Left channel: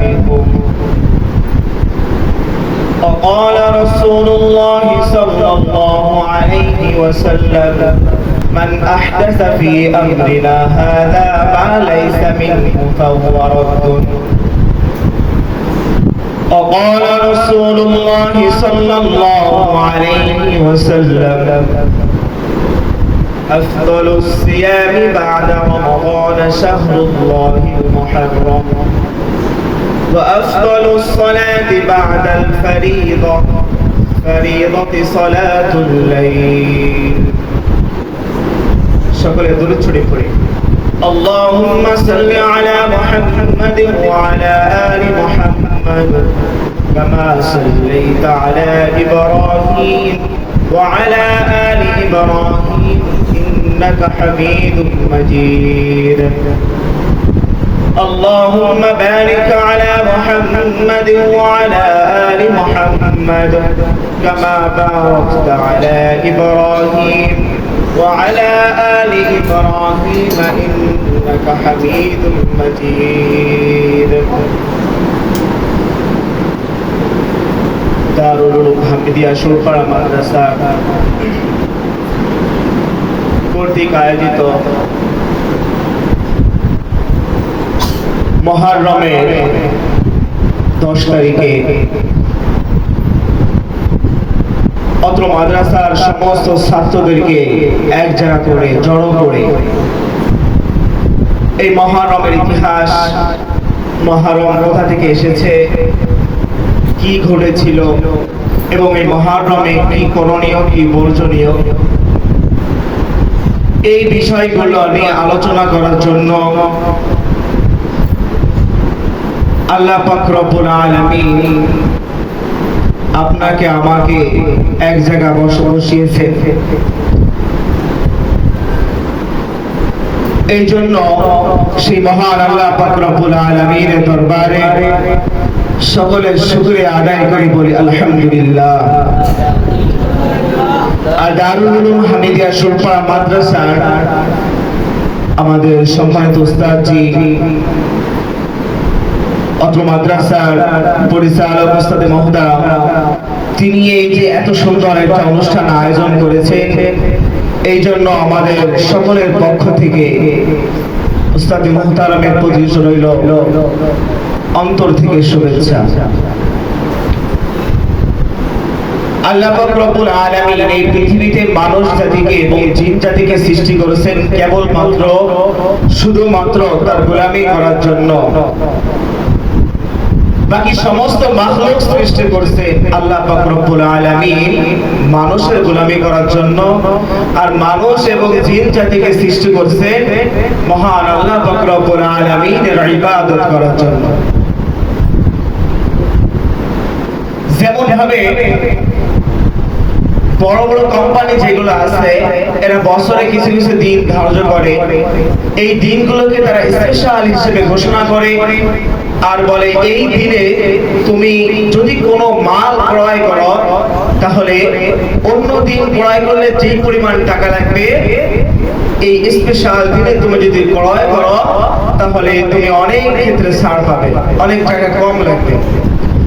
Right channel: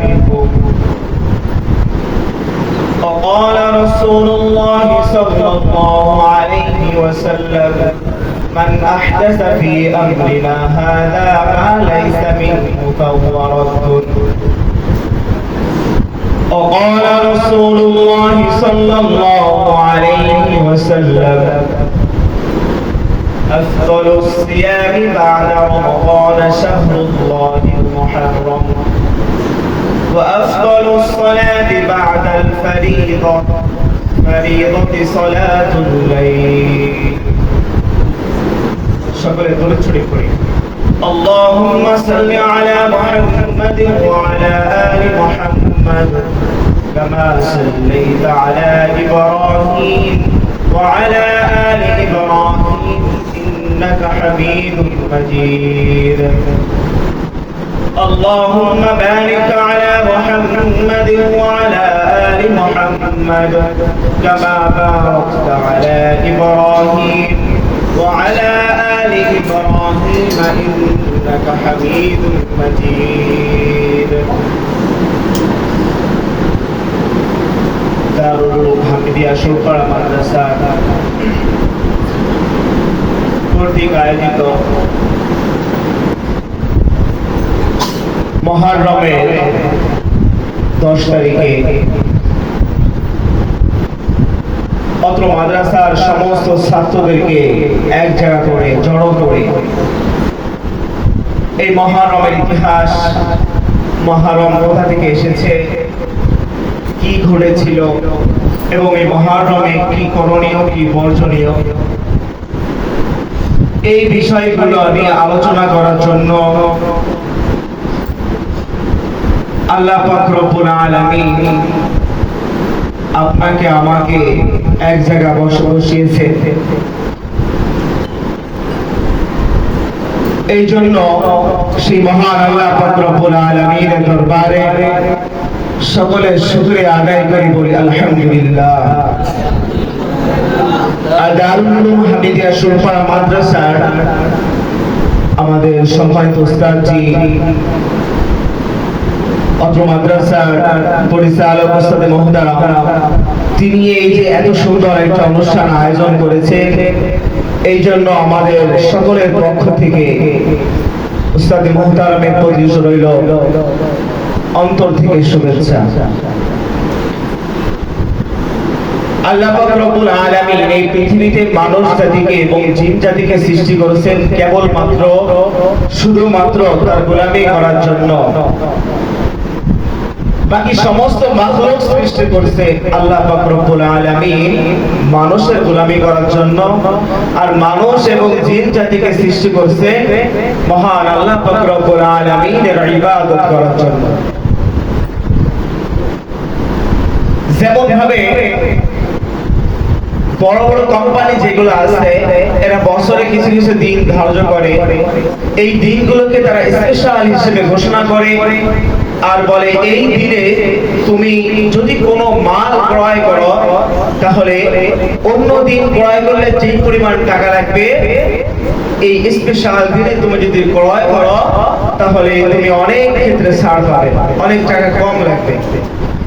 بكم وقال رسول الله صلى الله عليه وسلم من أحدث في أمرنا هذا ما ليس منه فهو رد. وقال رسول الله صلى الله عليه وسلم أفضل الصيام بعد رمضان شهر الله المحرم. وأفضل الصلاة بعد الفريضة فريضة صلاة الليل সকলে দূরে ছড়িয়ে পড়ি اللهم صل على محمد وعلى آل محمد كما صليت على إبراهيم وعلى آل إبراهيم إنك حميد مجيد اللهم بارك على محمد وعلى آل محمد كما باركت على إبراهيم وعلى آل إبراهيم إنك حميد مجيد দারুল হামিদিয়া সুরপাড়া মাদ্রাসা কর্তৃক আয়োজিত মহারমের দশ তারিখে অত্র মাদ্রাসার সমস্ত ছাত্রদেরকে এক জায়গা করে, জড়ো করে এই মহারমের ইতিহাস, মহারম কোথা থেকে এসেছে, কি ঘটেছিল এবং এই মহারমে কি করণীয়, কি বর্জনীয়? এই বিষয়গুলো আমি আলোচনা করার জন্য আল্লাহ পাক রব্বুল আপনাকে আমাকে এক জায়গা বসে বসিয়েছে এই জন্য সেই মহান আল্লাহ পাক আলামিনের দরবারে সকলের শুকরিয়া আদায় করি বলি, আলহামদুলিল্লাহ। আর দারুল হামিদিয়া সুরপা মাদ্রাসার আমাদের সম্মানিত উস্তাদজি অত্র মাদ্রাসার পরিচালক ওস্তাদে মহোদয়, তিনি এই যে এত সুন্দর একটা অনুষ্ঠান আয়োজন করেছেন, এই জন্য আমাদের সকলের পক্ষ থেকে উস্তাদে মোহতারামের প্রতি রইল অন্তর থেকে শুভেচ্ছা। আল্লাহ তার করার জন্য। বাকি সমস্ত মাখলুক সৃষ্টি করেছে আল্লাহ পাক রব্বুল মানুষের গোলামি করার জন্য। আর মানুষ এবং জিন জাতিকে সৃষ্টি করেছে মহান আল্লাহ পাক আলামিনের ইবাদত করার জন্য। যেমন ভাবে বড় বড় কোম্পানি যেগুলো আছে, এরা বছরে কিছু কিছু দিন ধার্য করে। এই দিনগুলোকে তারা স্পেশাল হিসেবে ঘোষণা করে। আর বলে, এই দিনে তুমি যদি কোনো মাল ক্রয় করো, তাহলে অন্য দিন ক্রয় করলে যে পরিমাণ টাকা লাগবে, এই স্পেশাল দিনে তুমি যদি ক্রয় করো, তাহলে তুমি অনেক ক্ষেত্রে ছাড় পাবে, অনেক টাকা কম লাগবে।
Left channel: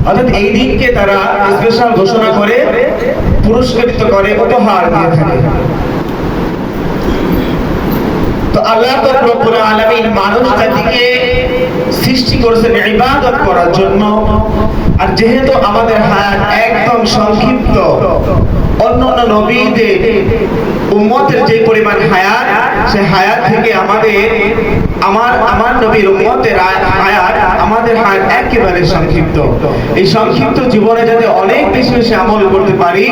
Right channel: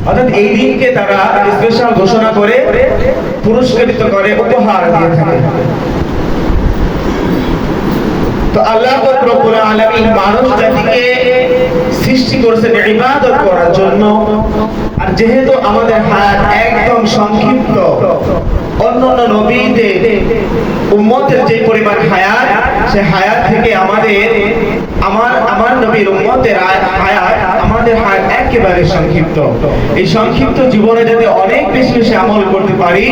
অর্থাৎ এই দিনকে তারা স্পেশাল ঘোষণা করে, পুরস্কৃত করে, উপহার দিয়ে থাকে। তো আল্লাহ মানুষ জাতিকে সৃষ্টি করেছেন ইবাদত করার জন্য। আর যেহেতু আমাদের হায়াত একদম সংক্ষিপ্ত, অন্য অন্য নবীদের উম্মতের যে পরিমাণ হায়াত, সে হায়াত থেকে আমাদের, আমার আমার নবীর উম্মতের হায়াত আমাদের হায়াত একেবারে সংক্ষিপ্ত। এই সংক্ষিপ্ত জীবনে যাতে অনেক বেশি বেশি আমল করতে পারি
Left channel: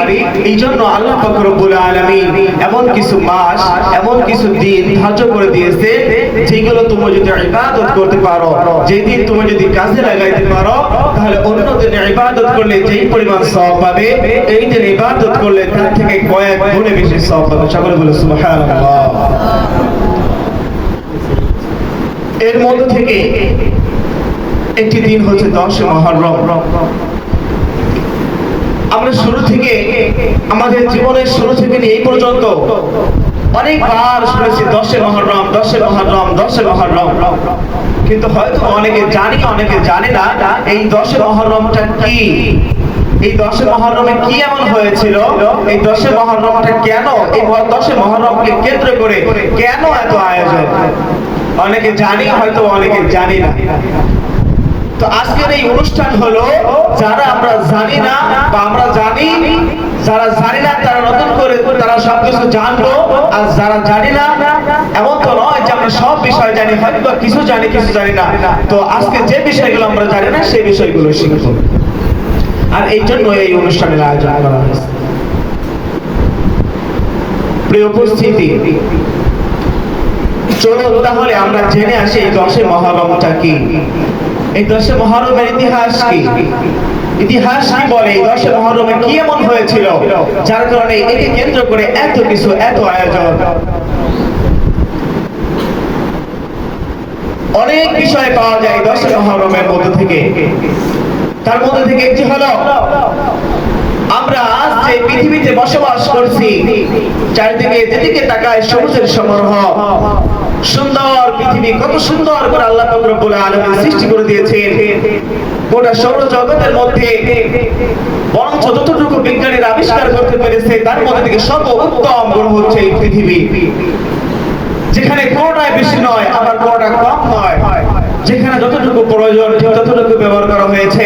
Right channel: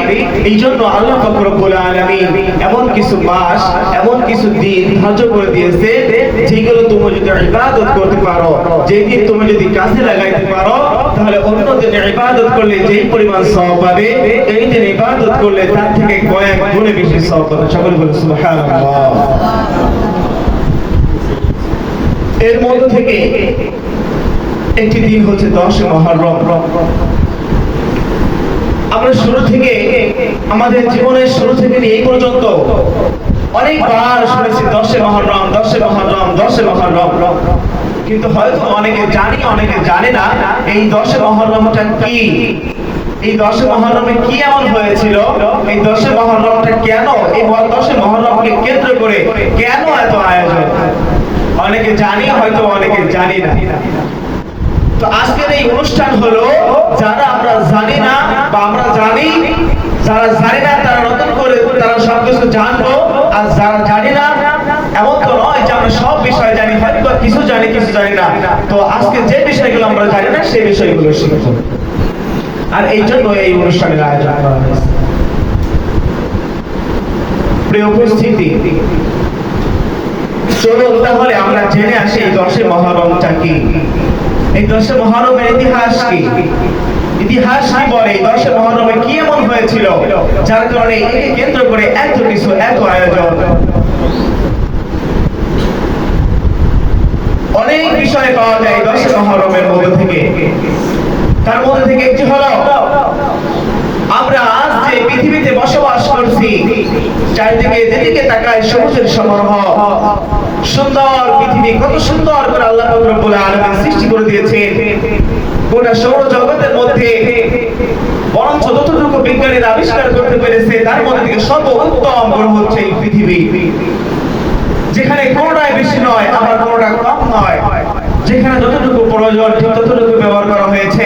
এই জন্য আল্লাহ রব্বুল আলামিন এমন কিছু মাস, এমন কিছু দিন ধার্য করে দিয়েছে, যেগুলো তুমি যদি ইবাদত করতে পারো, যেই দিন তুমি যদি কাজে লাগাইতে পারো, তাহলে অন্য দিনে ইবাদত করলে যেই পরিমাণ সব পাবে, এই দিন ইবাদত করলে তার থেকে কয়েক গুণে বেশি সওয়াব পাবে। সকলে বলে সুবহানাল্লাহ। এর মধ্য থেকে একটি দিন হচ্ছে দশ মহরম। আমরা শুরু থেকে, আমাদের জীবনের শুরু থেকে এই পর্যন্ত অনেকবার শুনেছি, দশে মহরম দশে মহরম দশে মহরম। কিন্তু হয়তো অনেকে জানি, অনেকে জানে না, এই দশে মহরমটা কি? এই দশে মহরমে কি এমন হয়েছিল? এই দশে মহরমটা কেন? এই দশে মহরমকে কেন্দ্র করে কেন এত আয়োজন? অনেকে জানি, হয়তো অনেকে জানি না। তো আজকের এই অনুষ্ঠান হলো, যারা আমরা জানি না বা আমরা জানি, যারা জানি না তারা নতুন করে তারা সবকিছু জানব। আর যারা জানি না, এমন তো নয় যে আমরা সব বিষয় জানি হয়তো কিছু জানি কিছু জানি না। তো আজকে যে বিষয়গুলো আমরা জানি না, সেই বিষয়গুলো শিখব। আর এই জন্য এই অনুষ্ঠানের আয়োজন করা হয়েছে। প্রিয় উপস্থিতি, চলুন তাহলে আমরা জেনে আসি এই দশে মহরমটা কি। এই দশে মহরমের ইতিহাস কি? ইতিহাস কি বলে? এই দশে মহরমে কি এমন হয়েছিল? যার কারণে একে কেন্দ্র করে এত কিছু, এত আয়োজন। অনেক বিষয় পাওয়া যায় দশে মহরমের মধ্যে থেকে। তার মধ্যে থেকে একটি হলো, আমরা আজ যে পৃথিবীতে বসবাস করছি, চারিদিকে যেদিকে তাকায় সবুজের সমারোহ। সুন্দর পৃথিবী, কত সুন্দর করে আল্লাহ রব্বুল আলামিন সৃষ্টি করে দিয়েছেন। গোটা সৌর জগতের মধ্যে বরঞ্চ যতটুকু বিজ্ঞানীরা আবিষ্কার করতে পেরেছে, তার মধ্যে থেকে সর্বোত্তম গ্রহ হচ্ছে এই পৃথিবী। যেখানে কোনোটাই বেশি নয়, আবার কোনোটা কম নয়। যেখানে যতটুকু প্রয়োজন, ঠিক ততটুকু ব্যবহার করা হয়েছে।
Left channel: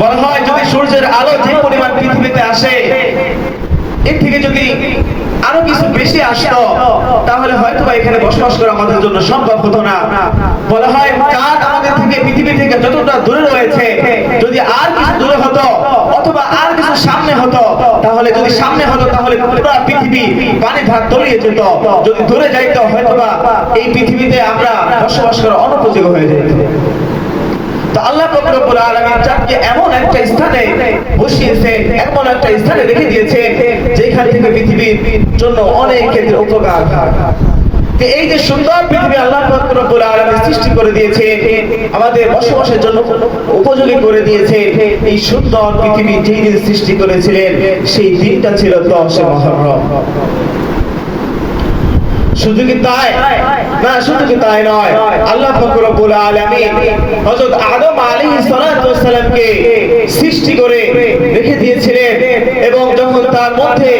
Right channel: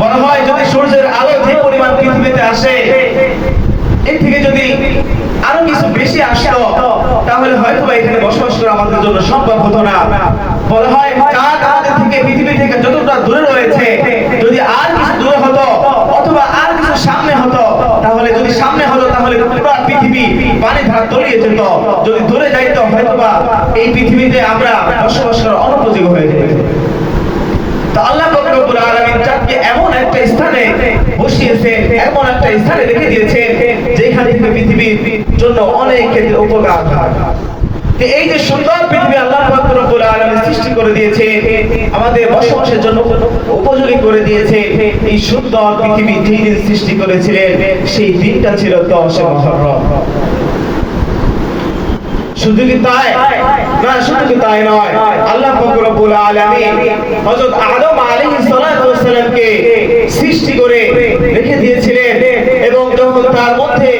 বলা হয়, যদি সূর্যের আলো যে পরিমাণ পৃথিবীতে আসে এর থেকে যদি আরও কিছু বেশি আসতো, তাহলে হয়তো এখানে বসবাস করা আমাদের জন্য সম্ভব হতো না। বলা হয় আমাদের থেকে, পৃথিবী থেকে যতটা দূরে রয়েছে, যদি আর কিছু হতো অথবা আর কিছু সামনে হতো, তাহলে যদি সামনে হতো, তাহলে পুরো পৃথিবী পানি ভাগ তলিয়ে যেত। যদি দূরে যাইতো, হয়তোবা এই পৃথিবীতে আমরা বসবাস করা অনুপযোগী হয়ে যেত। রব্বুল আলামিন চাঁদকে এমন একটা স্থানে বসিয়েছে, এমন একটা স্থানে রেখে দিয়েছে, যেখান থেকে পৃথিবীর জন্য অনেক ক্ষেত্রে উপকার হয়। এই যে সুন্দর পৃথিবী আল্লাহ রব্বুল আলামিন সৃষ্টি করে দিয়েছে, আমাদের বসবাসের জন্য উপযোগী করে দিয়েছে, এই সুন্দর পৃথিবী যেই দিন সৃষ্টি করেছিলেন, সেই দিনটা ছিল দশে মহরম। শুধু কি তাই? না, শুধু কি তাই নয়, আল্লাহ পাক রব্বুল আলামিন হযরত আদম আলাইহিস সালাতু সৃষ্টি করে রেখে দিয়েছিলেন এবং যখন তার মধ্যে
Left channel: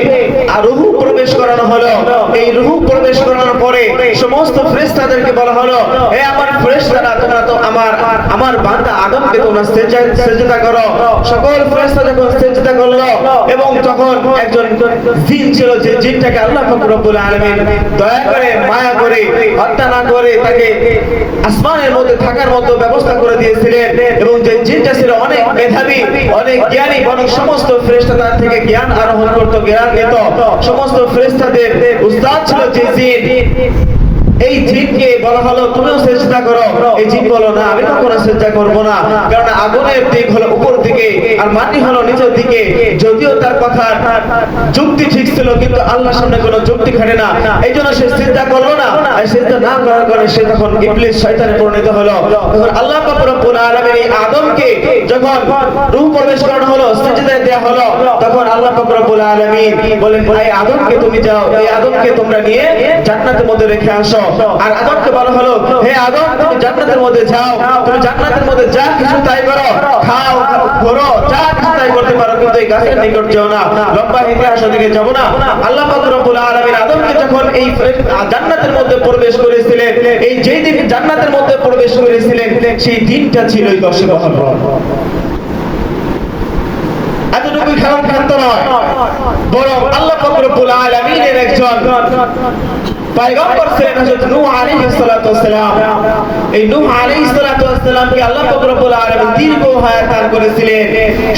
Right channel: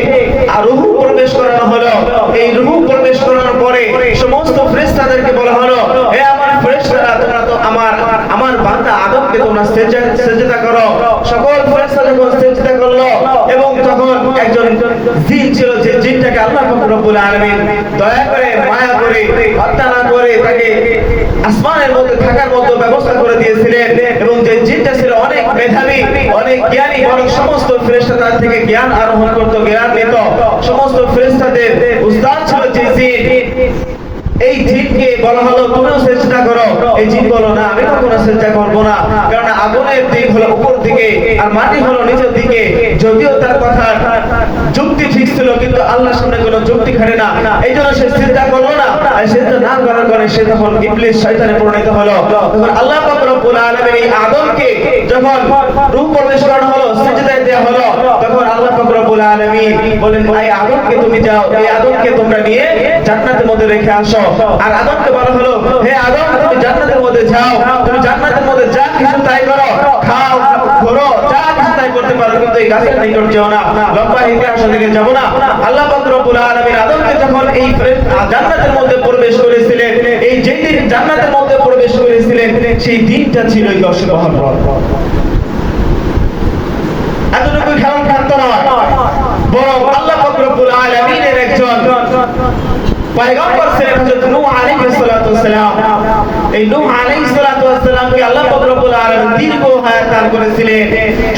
রূহ প্রবেশ করানো হলো, এই রূহ প্রবেশ করানোর পরে সমস্ত ফেরেশতাদেরকে বলা হলো, হে আমার ফেরেশতারা, তোমরা তো আমার আমার বান্দা আদমকে তোমরা সেজদা করো। সকল ফেরেশতা সেজদা করল এবং একজন জিন ছিল যে জিনটাকে আল্লাহ রব্বুল আলামিন দয়া করে, মায়া করে, হত্যা না করে তাকে আসমানের মধ্যে থাকার মতো ব্যবস্থা করে দিয়েছিলেন। এবং যে জিনটা ছিল অনেক মেধাবী, অনেক জ্ঞানী, বরং সমস্ত ফেরেশতা তার থেকে জ্ঞান আরোহণ করত, জ্ঞান নিত। সমস্ত ফেরেশতাদের উস্তাদ ছিল যে জিন। এই জিনকে বলা হলো তুমিও চেষ্টা করো। এই জিন বলো না, আমি কখনো চেষ্টা করব না। কারণ আগুনের দিক হলো উপর দিকে, আর মাটি হলো নিচের দিকে। যদিও তার কথা যুক্তি ঠিক ছিল, কিন্তু আল্লাহর সামনে কোনো যুক্তি খাটে না। এই জন্য সে চিন্তা করল না আর চিন্তা না করার কারণে সে তখন ইবলিস শয়তানে পরিণত হলো। তখন আল্লাহ পাক রব্বুল আলামিন এই আদমকে যখন রূহ প্রবেশ করানো হলো সিজদায় দেয়া হলো, তখন আল্লাহ পাক রব্বুল আলামিন বলেন এই আদমকে তুমি যাও, এই আদমকে তোমরা নিয়ে জান্নাতের মধ্যে রেখে আসো। আর আদমকে বলা হলো, হে আদম, তুমি জান্নাতের মধ্যে যাও, তুমি জান্নাতের মধ্যে যা কিছু তাই করো, খাও, ঘোরো, যা কিছু তাই করতে পারো, কিন্তু এই গাছের নিকট যেও না, লম্বা ইতিহাস দিকে যাব না। আল্লাহ পাক রব্বুল আলামিন আদমকে যখন এই জান্নাতের মধ্যে প্রবেশ করেছিলেন। এই যেই দিন জান্নাতের মধ্যে প্রবেশ করেছিলেন সেই দিনটা ছিল এই দশে মহরম। এতটুকু খেলাম খান্ত নয় বরং আল্লাহ পাক আলমিনের একজন পায়গম্বর ছিলেন হযরত নূহ আলাইহিস সালাতু ওয়াসসালাম এই নূহ আলাইহিস সালাতু ওয়াস সালামকে আল্লাহ পাক রব্বুল আলামিন দীর্ঘ হায়াত দান করেছিলেন।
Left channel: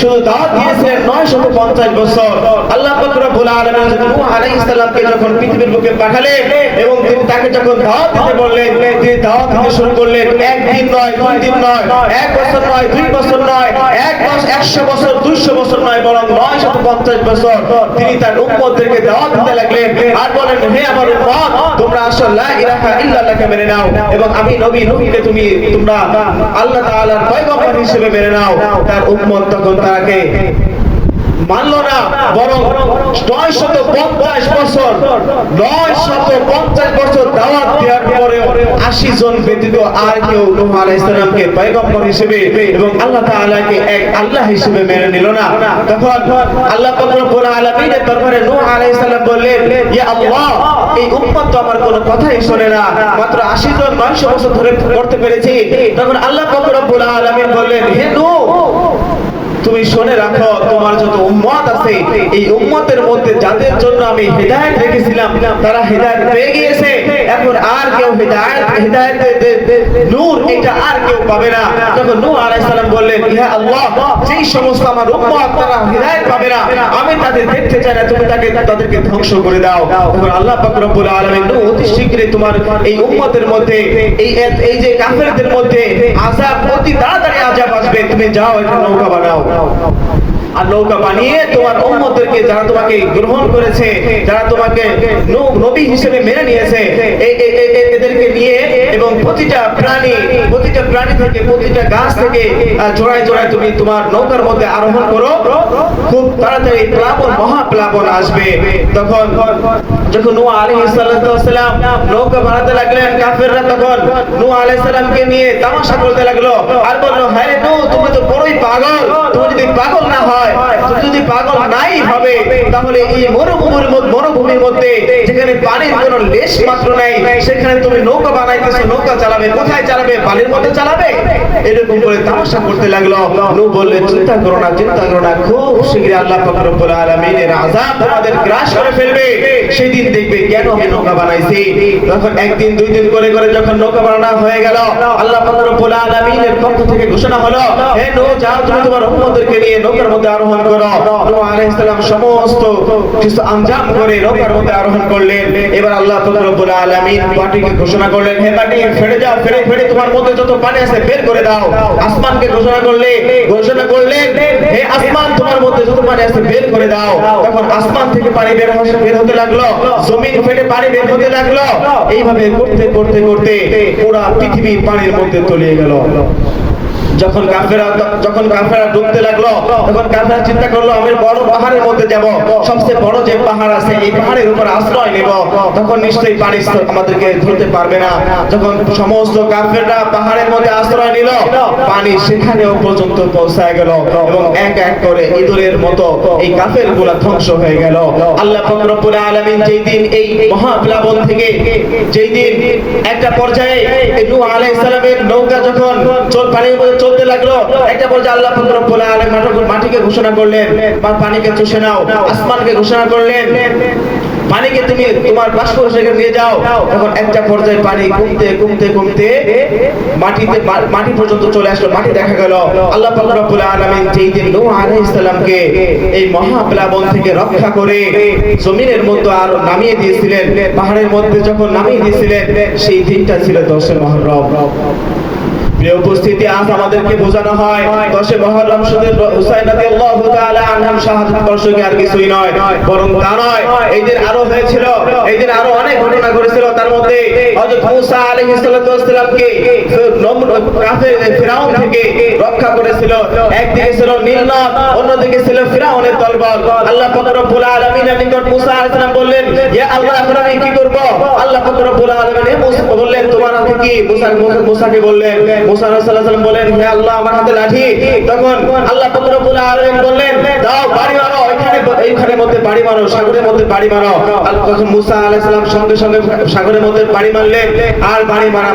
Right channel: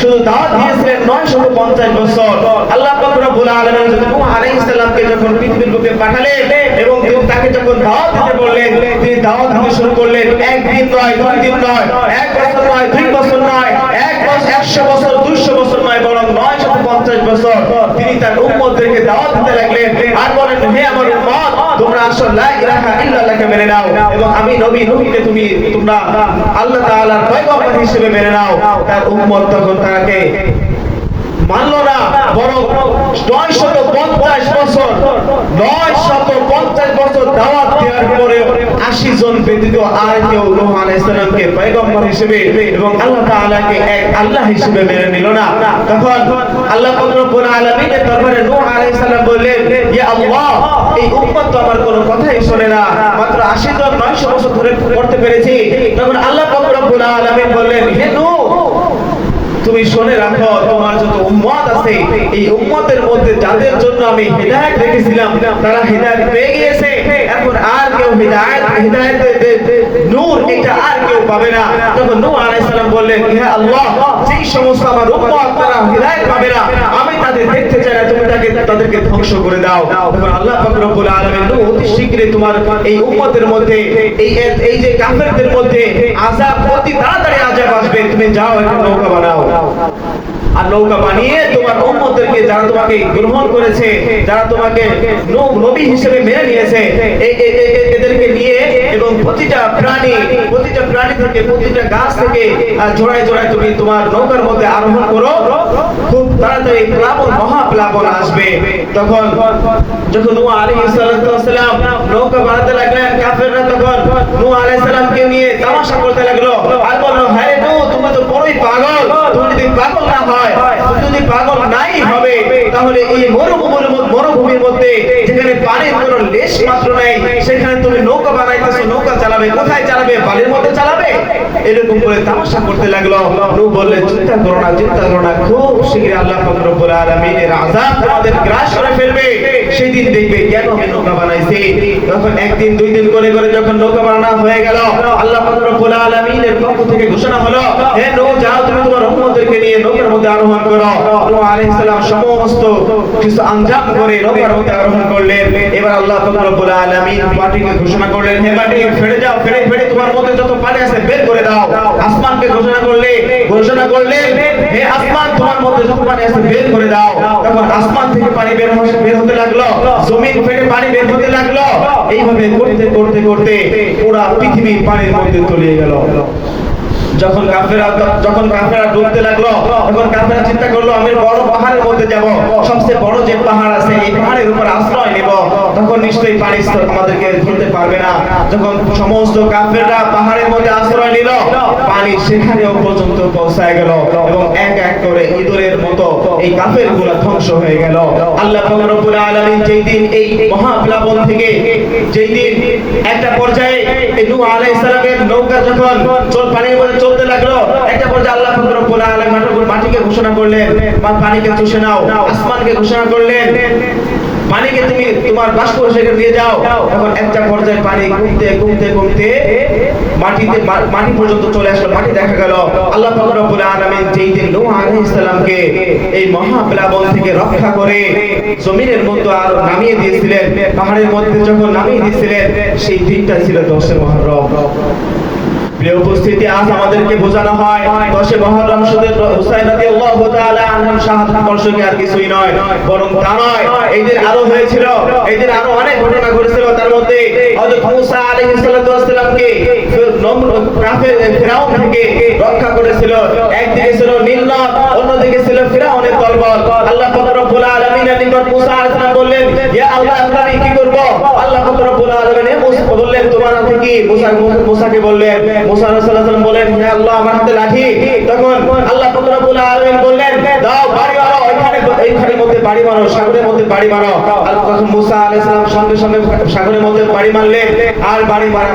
শুধু দাওয়াত দিয়েছিলেন 950 বছর। আল্লাহ পাক রব্বুল আলামিন নূহ আলাইহিস সালামকে যখন পৃথিবীর বুকে পাঠালেন এবং তিনি তাকে যখন দাওয়াত দিতে বললেন, তিনি দাওয়াত দিতে শুরু করলেন। একদিন নয়, দুই দিন নয়, এক বছর নয়, দুই বছর নয়, এক বছর একশো বছর, দুইশো বছর নয়, বরং নয় শত পঞ্চাশ বছর। তিনি তার উম্মতদেরকে দাওয়াত দিতে লাগলেন আর বলেন, হে আমার উম্মত, তোমরা আসো, লা ইলাহা ইল্লাল্লাহকে মেনে নাও এবং আমি নবী নবীকে তুমি, তোমরা আল্লাহ তাআলার পয়গম্বর হিসেবে মেনে নাও। তার উম্মত তখন তাকে মানল না বরং নয় শত পঞ্চাশ বছর নয় শত পঞ্চাশ বছর দাওয়াত দেওয়ার পরে আশি জন ব্যতীত আর কেউ নূহ আলাইহিসসালামকে পয়গম্বর হিসেবে এবং আল্লাহ তাআলাকে এক আল্লাহ হিসেবে মেনে নিল না। তখন আল্লাহ রব্বুল আলামিনের দরবারে নূহ আলাইহিস সালাম বললেন, ইয়া আল্লাহ, এই উম্মত তো আমার কোনো কথাই শোনে না। মাত্র আশি জন নয়শো বছর ধরে করতে পেরেছি। তখন আল্লাহ রব্বুল আলামিন বললেন, হে নূহ, তুমি শুনে রাখো আছে এই উম্মতের মধ্যে যাদের জন্য আমি হেদায়েত রেখেছিলাম, তারা হেদায়েত পেয়ে গিয়েছে। এখন আর কেউ হেদায়েত, হেদায়েতের নূর, এটা আর কেউ পাবে না। তখন নূহ আলাইহিস সালাম বললেন, ইয়া আল্লাহ, যেই সমস্ত আমার উম্মত, তারা হেদায়েত পাবে না। আমি তাদের দেখতে চাই না, তুমি তাকে, তাদেরকে ধ্বংস করে দাও। তখন আল্লাহ পাক রব্বুল আলামিন নূহ অতি শীঘ্রই তোমার এই উম্মতের মধ্যে, এই এই যে কাফেরদের মধ্যে আযাব অতি তাড়াতাড়ি আযাব আসবে। তুমি যাও, একটা নৌকা বানাও। আর নৌকা বানিয়ে তোমার উম্মতদেরকে যারা তোমাকে গ্রহণ করেছে, যারা তোমাকে নবী হিসেবে মেনে নিয়েছে, এই এদেরকে নিয়ে এবং প্রতিটা প্রাণী প্রতিটা প্রাণী থেকে, প্রতিটা গাছ থেকে জোড়ায় জোড়ায় তুমি তোমার নৌকার মধ্যে আরোহণ করো। খুব তাড়াতাড়ি প্লাবন, মহাপ্লাবন আসবে। তখন যখন আলাইহিস সালাতু সালাম নৌকা বানাতে লাগলেন, কাফেররা তখন নূহ আলাইহিস সালামকে নিয়ে তামাশা করতে লাগল। আর বলল, হায় তুমি তো বড়ই পাগল। তুমি যদি পাগল না হয় যদি পাগল নাই হবে তাহলে এই মরুভূমির মরুভূমির মধ্যে যেখানে পানির কোনো লেশ মাত্র নাই, সেখানে তুমি নৌকা বানাইতেছো, নৌকা চালাবে। কোথায় চালাবে? বালির মধ্যে চালাবে? এরকম করে তামাশা করতে লাগল। নু বললে, চিন্তা করো না, চিন্তা করো না। খুব শীঘ্রই আল্লাহ পাক আলমিনের আজাদ গ্রাস করে ফেলবে। সেদিন দেখবে কেন আমি নৌকা বানাইছি তখন একদিন, দুই দিন করে করে যখন নৌকা বানানো হয়ে গেল, আল্লাহ পক্ষ থেকে ঘোষণা হলো, হে নূহ যাও তুমি তোমার উম্মতদেরকে নিয়ে নৌকার মধ্যে আরোহণ করো। সমস্ত কিছু আঞ্জাম করে নৌকার মধ্যে আরোহণ করলেন। এবার আল্লাহ রব্বুল আলামিন মাটিকে ঘোষণা করলেন, হে মাটি, ফেড়ে যাও, ফেড়ে ফেড়ে, তোমার মধ্যে যত পানি আছে বের করে দাও। আসমানকে ঘোষণা করলে, ঘোষণা করলেন, হে আসমান, তোমার মধ্যে যত পানি আছে বের করে দাও। তখন আসমান থেকে পানি বের হতে হতে লাগল, জমিন ফেটে পানি বের হতে লাগল। এইভাবে করতে করতে করতে ওরা পৃথিবীর পানির মধ্যে তলিয়ে গেল। যখন কাফেরা যখন কাফেরা ডুবতে লাগল তখন কাফেরা চিন্তা করল আমি বড় পাহাড়ের মধ্যে যাব, সবচেয়ে বড় যে পাহাড় আছে, এই পাহাড়ের উপর আশ্রয় নেব। তখন নিশ্চয়ই পানি আমাদেরকে ধরতে পারবে না। যখন সমস্ত কাফেররা পাহাড়ের মধ্যে আশ্রয় নিল, পানি সেখানেও পর্যন্ত পৌঁছায় গেল এবং এক এক করে ইঁদুরের মতো এই কাফেরগুলা ধ্বংস হয়ে গেল। আল্লাহ রব্বুল আলামিন যেই দিন এই মহাপ্লাবন থেকে যেই দিন একটা পর্যায়ে নূহ আলাইহিস সালামের নৌকা যখন চল পানির মধ্যে চলতে লাগল, একটা পর্যায়ে আল্লাহ রব্বুল আলামিন মাটিকে- ঘোষণা করলেন বা পানিকে চুষে নাও, আসমানকে ঘোষণা করলেন। পানিকে তুমি তোমার বাষ্প সেখানে নিয়ে যাও। তখন একটা পর্যায়ে পানি কমতে কমতে কমতে মাটিতে মাটি পর্যন্ত চলে আসলো, মাটি দেখা গেল। আল্লাহ পাক রব্বুল আলামিন যেই দিন নূহ আলাইহিস সালামকে এই মহাপ্লাবন থেকে রক্ষা করে জমিনের মধ্যে আরও নামিয়ে দিয়েছিলেন, পাহাড়ের মধ্যে যখন নামিয়ে দিয়েছিলেন, সেই দিনটা ছিল দশে মহরম। উপস্থিতি, আজ আমাদেরকে বোঝানো হয় দশে মহরম শুধু হুসাইন রাদিয়াল্লাহু তাআলা আনহার শাহাদাত বর্ষকে আর কিছুই নয়, বরং তা নয়। এই দিন আরও হয়েছিল, এই দিন আরও অনেক ঘটনা ঘটেছিল তার মধ্যে। হযরত মুসা আলাইহিস সালাতু ওয়াসসালামকে কাফের ফিরাউন থেকে রক্ষা করেছিল। একদিকে ছিল নীল নদ অন্যদিকে ছিল ফিরাউনের দলবল আল্লাহ পাক রব্বুল আলামিনের নিকট মুসা আলাইহিস বললেন, ইয়া আল্লাহ আমি কি করব? আল্লাহ পাক রব্বুল আলামিন বললেন, তোমার হাতে কি? মুসা মুসাকে বললেন সাগরের মধ্যে বাড়ি বাড়ি মারলেন। আর বাড়ি মারা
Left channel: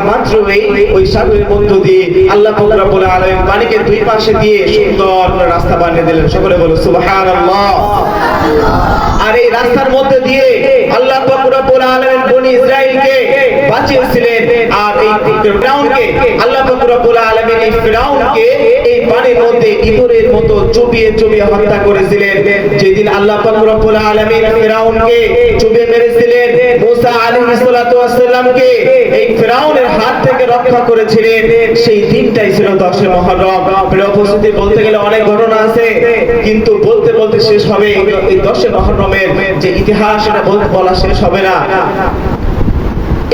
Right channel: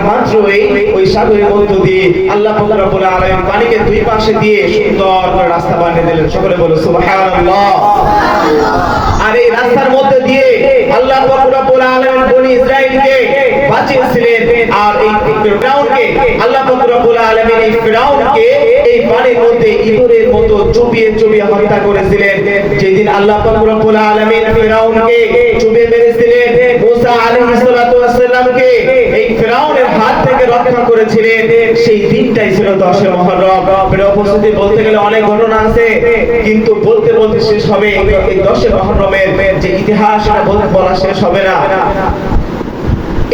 ওই সাগরের মধ্য দিয়ে আল্লাহ পাক আলামিন পানিকে দুই পাশে দিয়ে সুন্দর করে রাস্তা বানিয়ে দিলেন। সকলে বলো সুবহানাল্লাহ। আর এই রাস্তার মধ্যে দিয়ে আল্লাহ পাক আলামিন বনি ইসরাইলকে বাঁচিয়েছিলেন। ফিরআউনকে, আল্লাহ রব্বুল আলামিন এই ফিরাউনকে এই পানির মধ্যে ইঁদুরের মতো চুপিয়ে চুপিয়ে হত্যা করেছিলেন। যেদিন আল্লাহ রব্বুল আলামিন ফিরাউনকে চুপিয়ে মেরেছিলেন, মুসা আলাইহিস সালাতু ওয়াসসালামকে এই ফিরাউনের হাত থেকে রক্ষা করেছিলেন। সেই দিনটাই ছিল দশে মহরম। প্রিয় উপস্থিতি, বলতে গেলে অনেক ঘটনা আছে, কিন্তু বলতে বলতে শেষ হবে। এই- এই দশে মহরমের যে ইতিহাস, এটা বলতে বলা শেষ হবে না।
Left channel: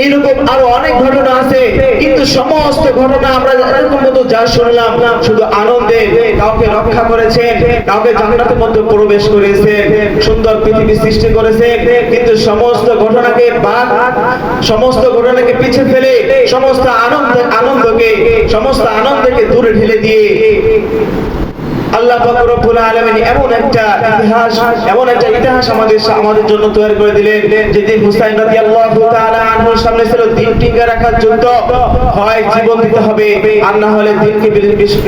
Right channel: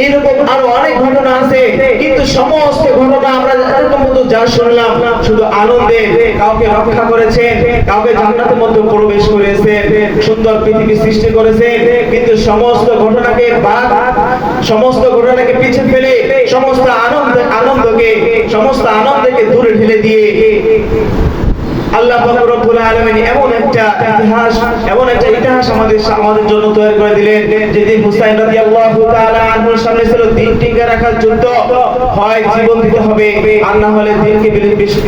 এরকম আরও অনেক ঘটনা আছে, কিন্তু সমস্ত ঘটনা আমরা এরকম মতো যা শুনলাম, শুধু আনন্দে কাউকে রক্ষা করেছেন, কাউকে জান্নাতের মধ্যে প্রবেশ করেছেন, সুন্দর পৃথিবী সৃষ্টি করেছেন, কিন্তু সমস্ত ঘটনাকে বাদ, সমস্ত ঘটনাকে পিছে ফেলে, সমস্ত আনন্দ, আনন্দকে, সমস্ত আনন্দকে দূরে ঠেলে দিয়ে আল্লাহ রব্বুল আলামিন, এমন একটা ইতিহাস, এমন একটা ইতিহাস আমাদের আমাদের জন্য তৈরি করে দিলেন, যেদিন হুসাইন রাদিয়াল্লাহু তাআলা আনহুর সামনে ছিল রাখার যুদ্ধ হয়, জীবন দিতে হবে, আর না হলে দিনকে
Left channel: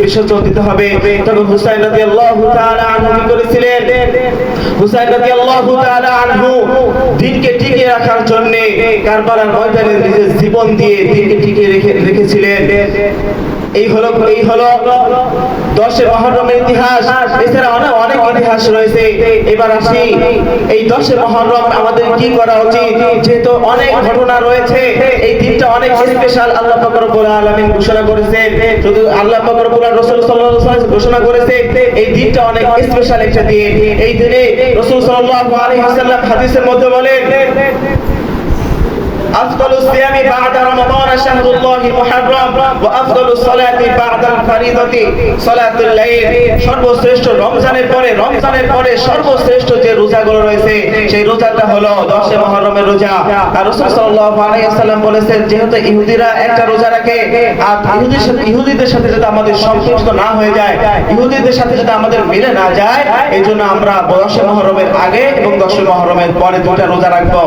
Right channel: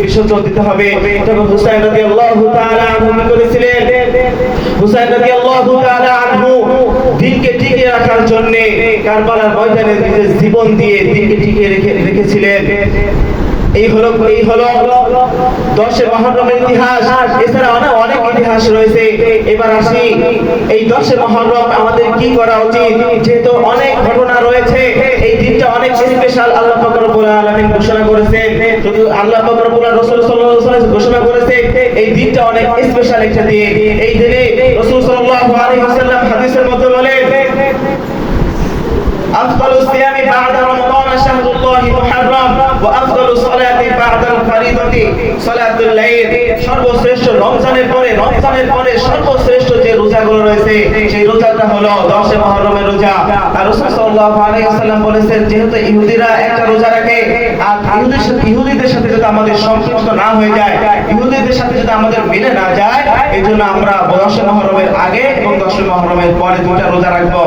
বিসর্জন দিতে হবে। তখন হুসাইন রাদিয়াল্লাহু তাআলা আনহু করেছিলেন? হুসাইন রাদিয়াল্লাহু তাআলা আনহু দিনকে রাখার জন্য কারবালার ময়দানে নিজের জীবন দিয়ে দিনকে টিকে রেখে রেখেছিলেন। এই হলো এই হলো দশে মহরমের ইতিহাস, এছাড়া অনেক অনেক ইতিহাস রয়েছে। এবার আসি, এই দশে মহরম আমাদের কি করা উচিত? যেহেতু অনেক ঘটনা রয়েছে, এই দিনটা অনেক স্পেশাল আল্লাহ ফকরবুল আলমিন ঘোষণা করেছে কিন্তু আল্লাহ ফকরবুল রসুল সাল্লাহ ঘোষণা করেছে, এই দিনটা অনেক স্পেশাল একটা দিন। এই দিনে রসুল সাল্লাহ আলী হাদিসের মধ্যে বলেন, আজকাল সিয়ামি বাদা রমাদান। شهر الله محرم وأفضل الصلاة بعد الفريضة صلاة الليل সর্বশ্রেষ্ঠ রমজানের পরে রমজানের পরে সর্বশ্রেষ্ঠ যে রোজাগুলো রয়েছে সেই রোজাটা হলো দশে মহরমের রোজা আর রাসূল সাল্লাল্লাহু আলাইহি ওয়াসাল্লাম বলেছেন যেহেতু ইহুদিরা একটা রোজা রাখে আর ইহুদির সাথে ইহুদিদের সাথে যাতে আমাদের সম্পৃক্ত না হয়ে যায় ইহুদিদের সাথে যাতে আমাদের মিলে না যায় এই জন্য আমরা দশে মহরমের আগে এবং দশে মহরমের পরে দুটা রোজা রাখবো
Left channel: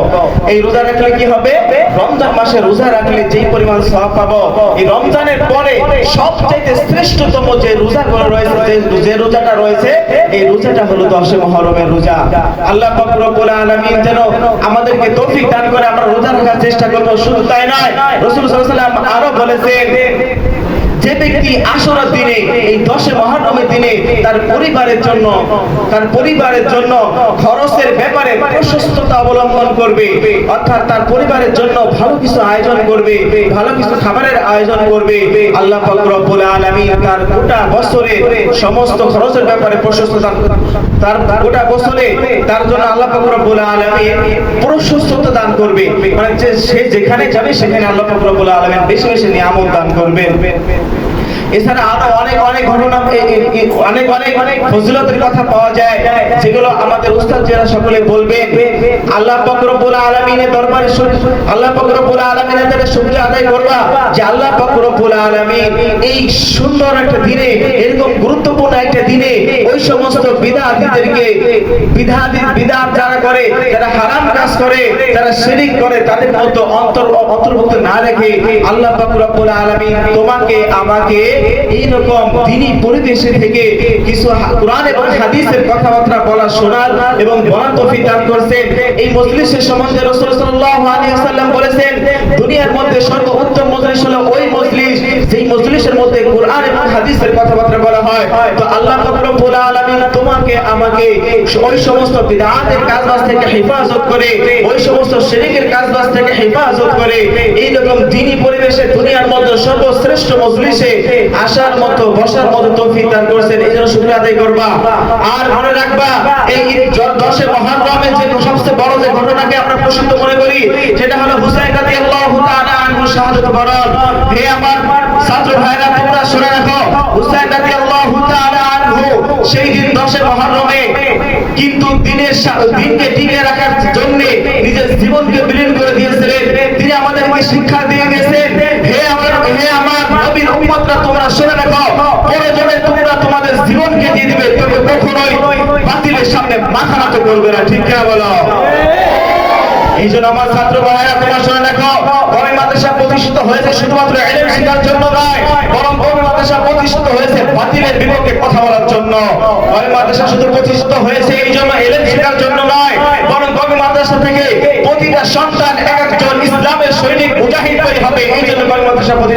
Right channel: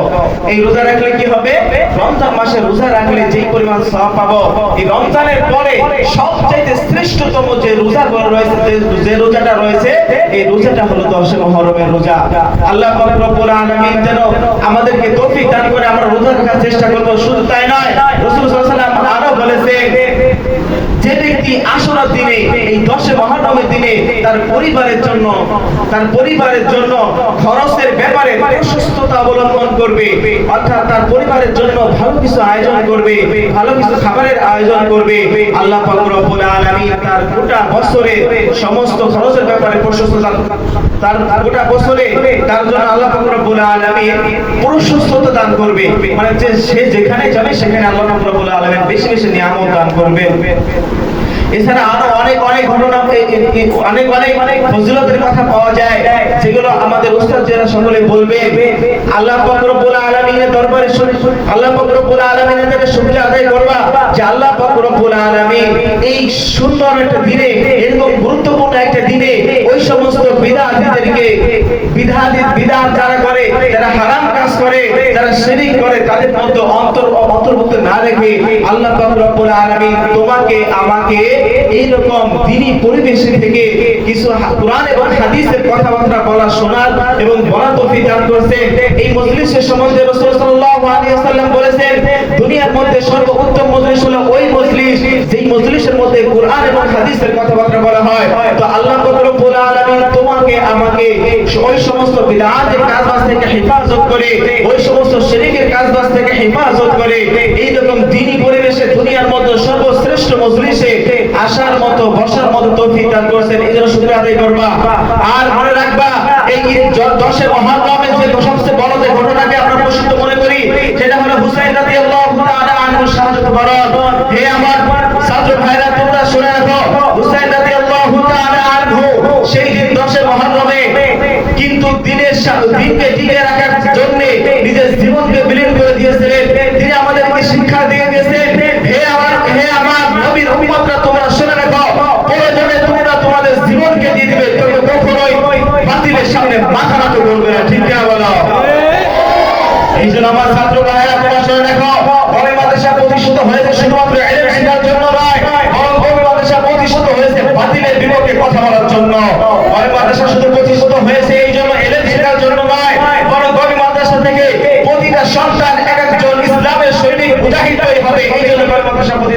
এই রোজা রাখলে কি হবে রমজান মাসে রোজা রাখলে যে পরিমাণ সব পাবো। এই রমজানের পরে সবচেয়ে শ্রেষ্ঠতম যে রোজা রয়েছে, যে- রোজাটা রয়েছে, এই রোজাটা হলো দশে মহরমের রোজা। আল্লাহ রব্বুল আলামিন যেন আমাদেরকে তৌফিক দান করে আমরা রোজা রাখার চেষ্টা করব। শুধু তাই নয়, রাসূল আরও বলেছেন যে ব্যক্তি আশুরার দিনে, এই দশে মহরমের দিনে তার পরিবারের জন্য, তার পরিবারের জন্য খরচের ব্যাপারে প্রশস্ততা অবলম্বন করবে, অর্থাৎ তার পরিবারের জন্য ভালো কিছু আয়োজন করবে, ভালো কিছু খাবারের আয়োজন করবে। আল্লাহ রব্বুল আলামিন তার গোটা বছরে সমস্ত খরচের ব্যাপারে প্রশস্ততা তার গোটা বছরে তার জন্য আল্লাহ রব্বুল আলামিন প্রশস্ততা দান করবে। মানে সে যেখানে যাবে, সেখানে আল্লাহ রব্বুল আলামিন বেশি বেশি নিয়ামত দান করবেন। এছাড়া আরও অনেক অনেক ঘটনা অনেক অনেক ফজিলতের কথা পাওয়া যায়, যেগুলো আমাদের উস্তাদ যারা সকলে বলবে। আল্লাহ পাক রব্বুল আলামিনের দরবারে আল্লাহ পাক রব্বুল আলামিনের কাছে শুকরিয়া আদায় করবা যে আল্লাহ পাক রব্বুল আলামিন এই সুন্দর একটা দিনে, এরকম গুরুত্বপূর্ণ একটা দিনে ওই সমস্ত বিদআতীদেরকে বিধাতি যারা করে, যারা হারাম কাজ করে, যারা শিরিক করে, তাদের মধ্যে অন্তর অন্তর্ভুক্ত না রেখে আল্লাহ আলামিন তোমাকে, আমাকে এইরকম দিনী পরিবেশে থেকে কিছু কোরআন এবং হাদিসের কথাবার্তা বলা শোনার এবং বলার তৌফিক দান এই মজলিসের সম্বন্ধে রাসূল সাল্লাল্লাহু আলাইহি ওয়াসাল্লাম বলেছেন, দুনিয়ার মধ্যে সর্বোত্তম মজলিস হলো ওই মজলিস, যেই মজলিসের মধ্যে কোরআন এবং হাদিসের কথাবার্তা বলা হয় তো আল্লাহ পাক রব্বুল আলামিন তোমাকে আমাকে ওই সমস্ত বিদআতের কাজবাজ থেকে হেফাজত করে, ওই সমস্ত শিরকের কাজবাজ থেকে হেফাজত করে এই রকম দ্বীনি পরিবেশে দুনিয়ার মধ্যে সর্বশ্রেষ্ঠ মজলিসে আসার মতো, বসার মতো তৌফিক দান করেছেন। এই জন্য শুকরিয়া আদায় করবা। আর মনে রাখবা, এই জ- দশে মহারমের যে সবচেয়ে বড় যে ঘটনাকে আমরা প্রসিদ্ধ মনে করি, সেটা হলো হুসাইন রাদিয়াল্লাহু তাআলা আনহু শাহাদাত হে আমার ছাত্র ভাইরা, তোমরা শুনে রাখো, হুসাইন রাদিয়াল্লাহু তাআলা আনহু সেই দিন দশে মহরমে দিনকে টিকে রাখার জন্য নিজের জীবনকে বিলীন করে দিয়েছিলেন। তিনি আমাদেরকে শিক্ষা দিয়ে গেছেন। হে আমার হে আমার নবীর উম্মতরা, তোমরা শুনে রাখো। প্রয়োজনে তোমরা তোমাদের জীবনকে দিয়ে দিবে কিন্তু কখনোই বাতিলের সামনে মাথা নত করবে না। ঠিক না বলো? এই জন্য আমার ছাত্র ভাইয়েরা, তোমরা শুনে রাখো। গরম মাদ্রাসা প্রতিষ্ঠিত হয়েছে শুধুমাত্র